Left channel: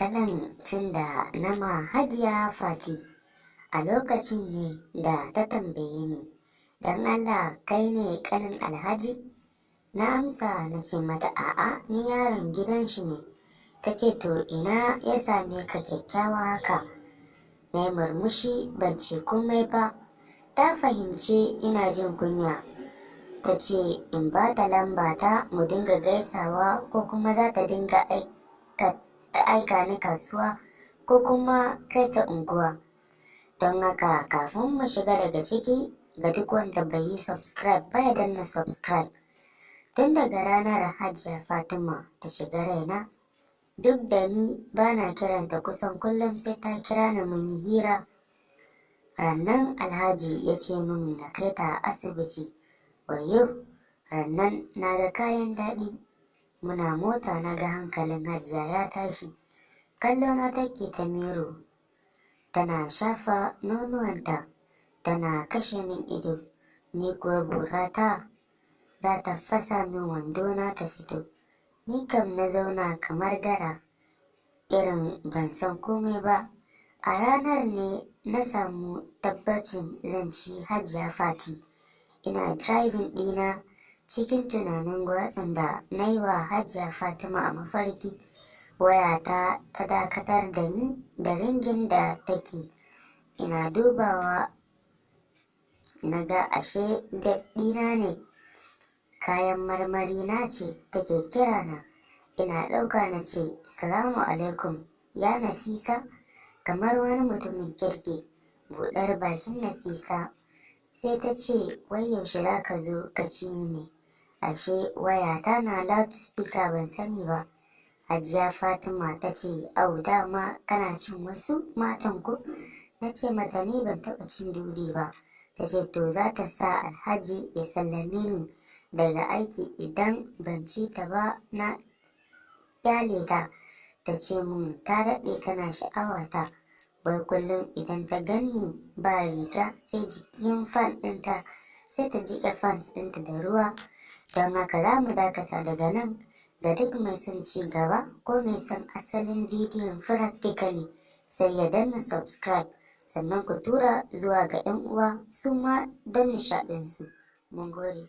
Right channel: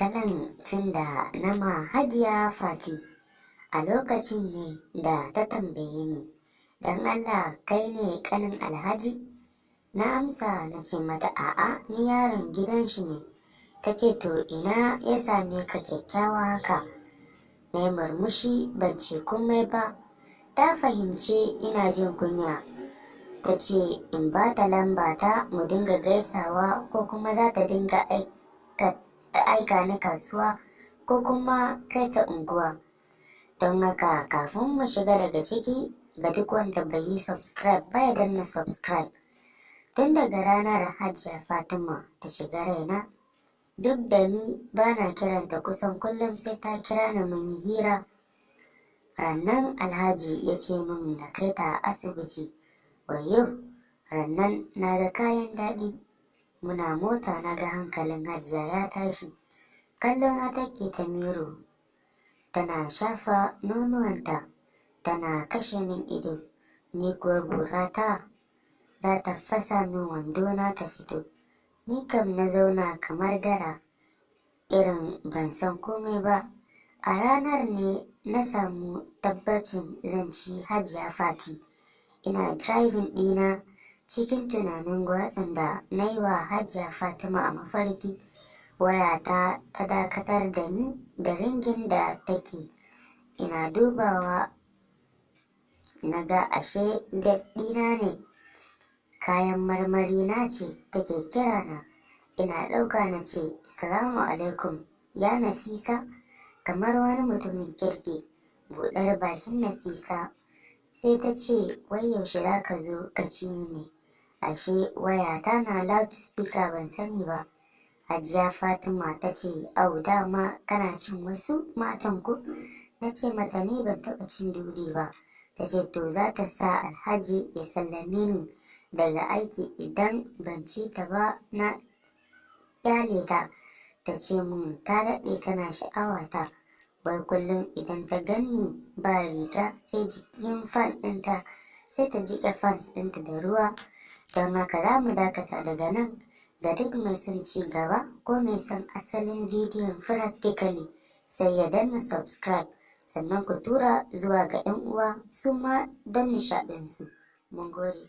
kalan cin da nama Hajiya Fati a lokacin ne da ta tambaye ni, "Don Allah kai ne kanin Alhaji?" Na amsa na ce mata a'a ni yaron gidan shi ne. Ta ce to ina ya same ka kyakkyawa haka? Na yi murmushi ban ce komai ba. Ta fahimce ina jin kunya. Ta ce in ba ta lamba ta mu dinga gaisawa ko kuma za ta dinga aika ni kasuwa ko kuma kai ta unguwa. Don haka kafin mu shiga daga ciki, ga duk wanda bai yi subscribe ba ya danna subscribe. Tun daga ranar Hajiya Fatima ta shiga raina, duk da ni bana kiranta kusan kullum sai ta kira ni mun yi hira. Rannan Alhaji ya ce min na kai ta asibiti. Wayyo, rannan na ga kayan daɗi. Muna mota na ga hankalin Hajiya ya tashi. Kallona take ta miro. Tana shafa nonuwanta. Tana kashe min ido. Ni kuwa burata za ta fasa min wandona ta fito. Ni kam na zauna kamar gara. Irin ban san komai ba. A ranar ne na samu tabbacin zan ci Hajiya Fati. Ina driving ɗina cikin tunanin gwatsin da na yi wa Hajiya Fatima a mafarki. Wayata ta dakatar da ni da ringin da take. Ina dubawa na ga ashe ɗina ne. Kayan marmari na ce take kira na. Ina ɗauka na ce, "Salamu alaikum, ya Nafisa?" Kamar wani mutumin kirki. Buɗar bakin Nafisa sai ta ce, "Wai yaushe za ka zo ka ci ni ne?" Ashe wayata na loudspeaker ban sani ba. Hajiya Fatima ta ce, "Au dama kana cin wasu matan ku?" Na ce mata ni ban taɓa cin duri ba. Ta ce to za ta sa Alhaji ya sallame ni daga aiki idan ban ci ta ba na kyale ta. Ta ce mun ta daɗe tana sha'awata. Wai kullum idan ta ganni ba riga sai jikin fan ɗinta sai ta jiƙa fans ɗinta da ruwa. Don haka za mu dakata daga nan. Ga duk mai son ci gaba ko mai son asalin bidiyon practically sai ya danna subscribe sannan ku tura zuwa ga 'yan uwa su ma don nishaɗinsu. Mun gode.